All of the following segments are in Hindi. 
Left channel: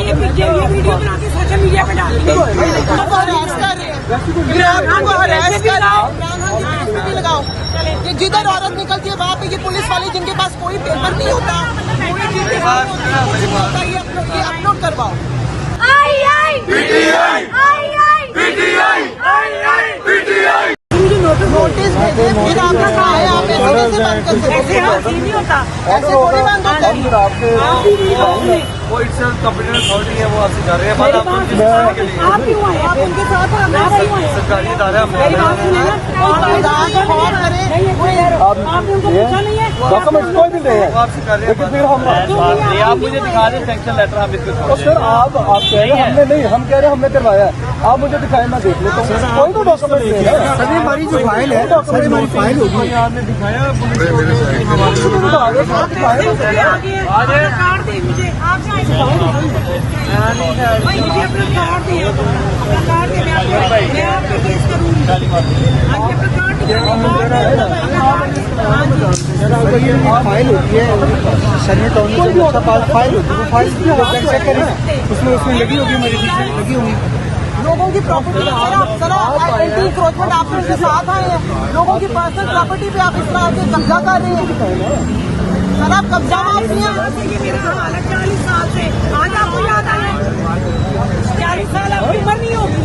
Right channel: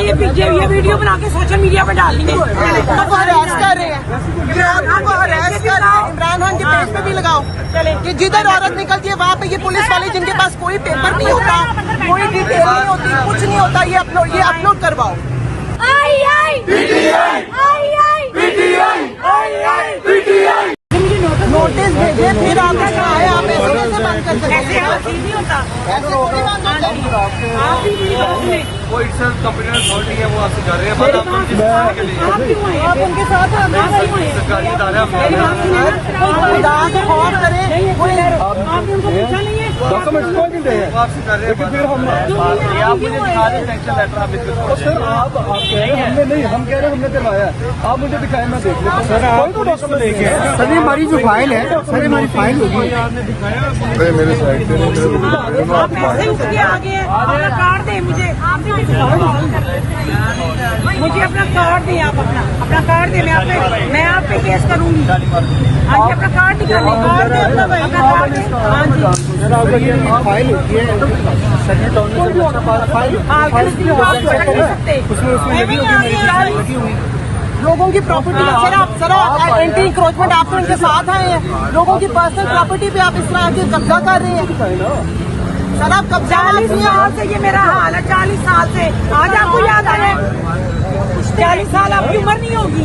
ये वीडियो बना के सोशल मीडिया पे डाल देंगे। इमरान खान के पेज पे भी लगाओ कि जिधर औरत निकलती है वहाँ पे ये पुलिस वाले जिनके पास कोई पेपर नहीं होता, कोई डिटेल नहीं होती, कुछ नहीं होता, ये अपलोड करवाओ। मुझे नोटिस भेजे, फिर आपका नाम है, आप ऐसे कैसे बंद कर सकते हैं? नहीं होता, ऐसे थोड़ी बंद होता है। वो इससे कंप्यूटर अथॉरिटी है, वो आपसे कर रहे हैं। आप क्यों आए? आप उनके साथ आप नहीं आए। मेरी बात सुनिए ना, आपने उनको पूछा नहीं है? डॉक्यूमेंट्स कोई नहीं गए आपसे कर रहे हैं, लेकिन फिर हम सर आप कह रहे हैं हमने नहीं, हम कह रहे हैं हमने करवाया है, आप मुझे दिखाएं, मैं देख लेता हूँ। कोई तो डॉक्यूमेंट नहीं है। हमारी जो फाइल है सर, हमारी फाइल होगी। आपने दिखाया मेरे साइड मुझे आप मुझे अपना कार्ड दें, आप अपना कार्ड दें, मैं आप पे केस करूँगी। अपना कार्ड फाइल होती है, सबमिट होने के बाद फाइल होती है, फाइल की उसमें लगी होगी, मेरी लगी होगी। लोगों की प्रॉपर्टी आप उनके साथ आए हैं, लोगों की पर्सनल प्रॉपर्टी पे आप इस तरह से कब्जा कर रही है। सर आप कब्जा 40 साल से ये मेरा हाल है, 40 साल से। आज आपको याद आया? 40 साल आपकी उम्र नहीं होगी।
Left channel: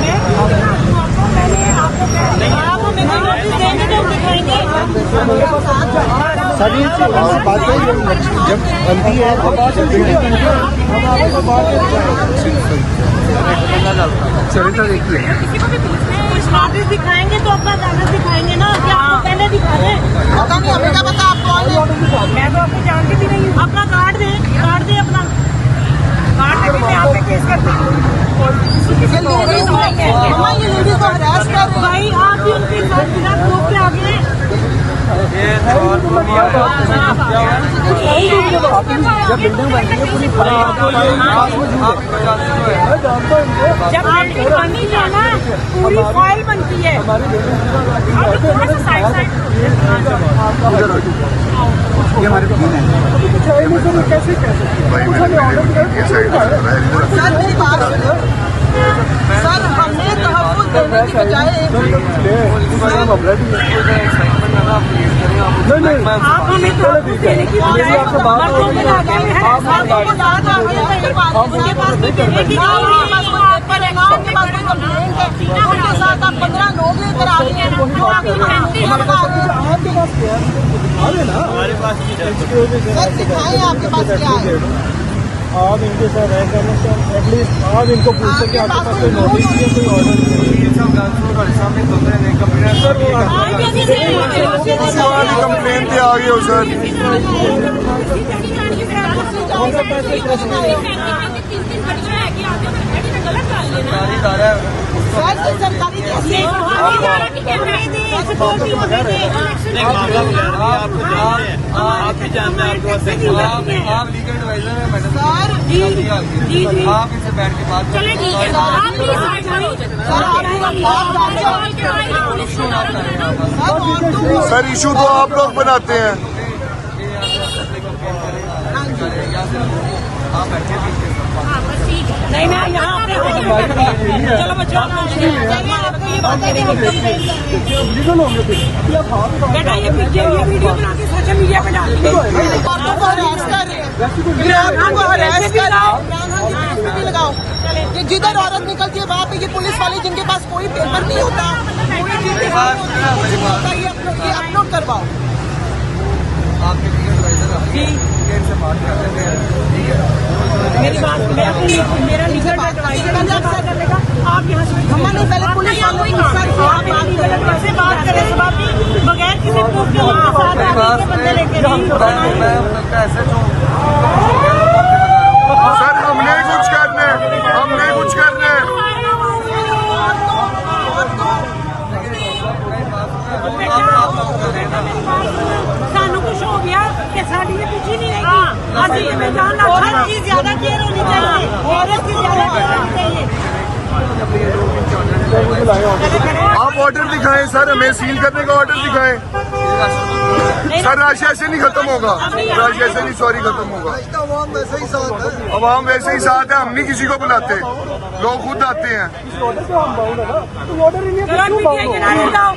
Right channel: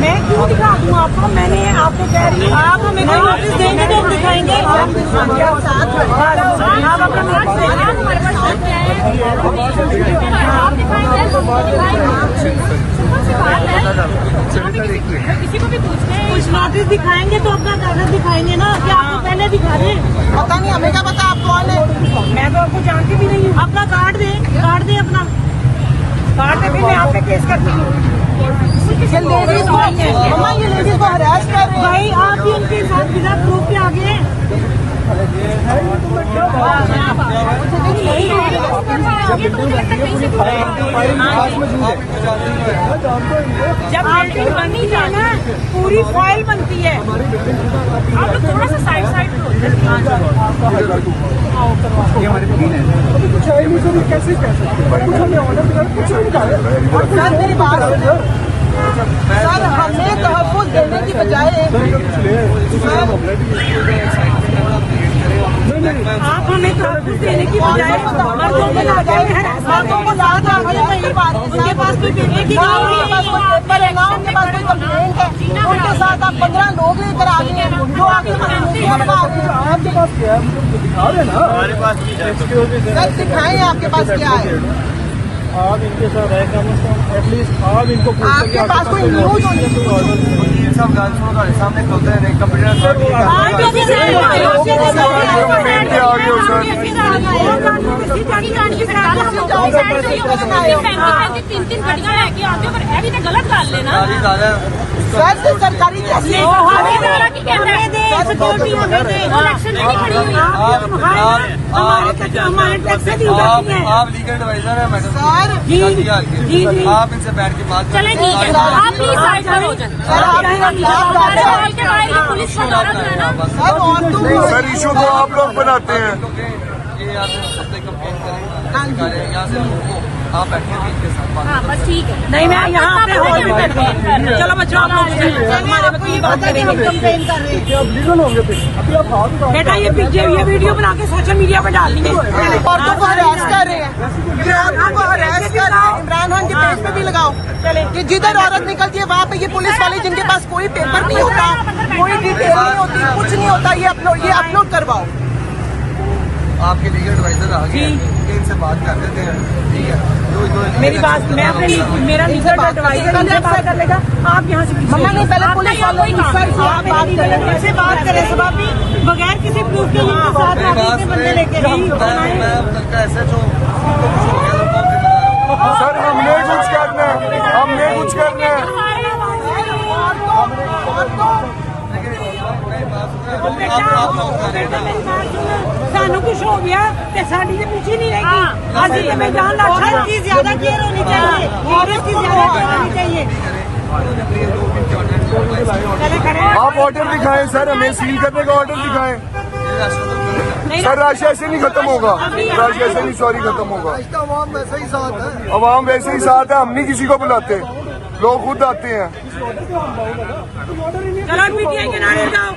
मैं क्यों दिखा दूँ आपको? मैंने आपको कह रही हूँ किसी को भी पूछना है, कागज दिखाएंगे तो अपना कागज दिखाएंगे ना, आपको पहले दिखा रहे। मैं तो आपको जानती भी नहीं हूँ। अपना कार्ड दे अपना कार्ड दे, मैं आप पे केस करती हूँ। भाई आप भी उनके बिना प्रूफ के आगे हैं। बिल्डिंग बनती है पूरी फाइल जब बिल्डिंग बनी जाना पूरी फाइल बनती है। हमारी बिल्डिंग ये हमारे वकील हैं, कुछ है नहीं सर, कैसे कह सकते हैं? कुछ हमें ऑर्डर आप हमें तो देने की बजाय हमारे पास सब कुछ आपके पास क्या है, मुझे दिखा रहे ना। आप इनके साथ एटलीस्ट आप इनको पूछ सकते आपके पास कोई नोटिस नहीं है, कोई ऑर्डर नहीं है। सामने कंप्लेन पे आ गई हो सर। 3 घंटियां लेके आते हो, ऐडी तो गलत गल है ना। आप लीगल एडवाइजर है मैडम, आप इनसे बैठ के बात करें। सर इशू तो आप लोग बनाते हैं। ये आप अपने कंप्लेन करें, यहाँ से आप बैठे ठीक है, नहीं मैं यहाँ चलो बच्चों लीगल होंगे फिर अभी आप बेटा ये वीडियो बना के सोशल मीडिया पे डाल देंगे। इमरान खान के पेज पे भी लगाओ कि जिधर औरत निकलती है वहाँ पे ये पुलिस वाले जिनके पास कोई पेपर नहीं होता, कोई डिटेल नहीं होती, कुछ नहीं होता, ये अपलोड करवाओ। आपके लीगल एडवाइजर आ गए, इनसे बात कर लेते हैं, ठीक है? मेरी बात मेरा लीगल एडवाइजर इनसे बात कर लेगा, आप यहाँ से मेरा लीगल एडवाइजर बगैर किसी प्रूफ के मेरी बात ऐसे जो सर हमने कुछ करना है, हमने कुछ करना है। सानू कुछ हो गया कि साड़ी से पीछे नहीं रहेगी। अभी मैदान हर चीज ज्यादा केयर होनी चाहिए, औरत की ज्यादा केयर होनी चाहिए। आप ऑर्डर दिखाएं सर, हमें सील करने का ऑर्डर दिखाएं। सर रश ऐसे नहीं खत्म होगा, रश ऐसे नहीं सॉरी खत्म होगा। अवाम वैसे ही साथ है, हम नहीं किसी को बुलाते, लोग खुद आते हैं। ऑर्डर तो हम बाउंड है ना, तुम ऑर्डर ही नहीं है, चलो क्यों पीटीआई बाउंड हो? किनारे जाओ।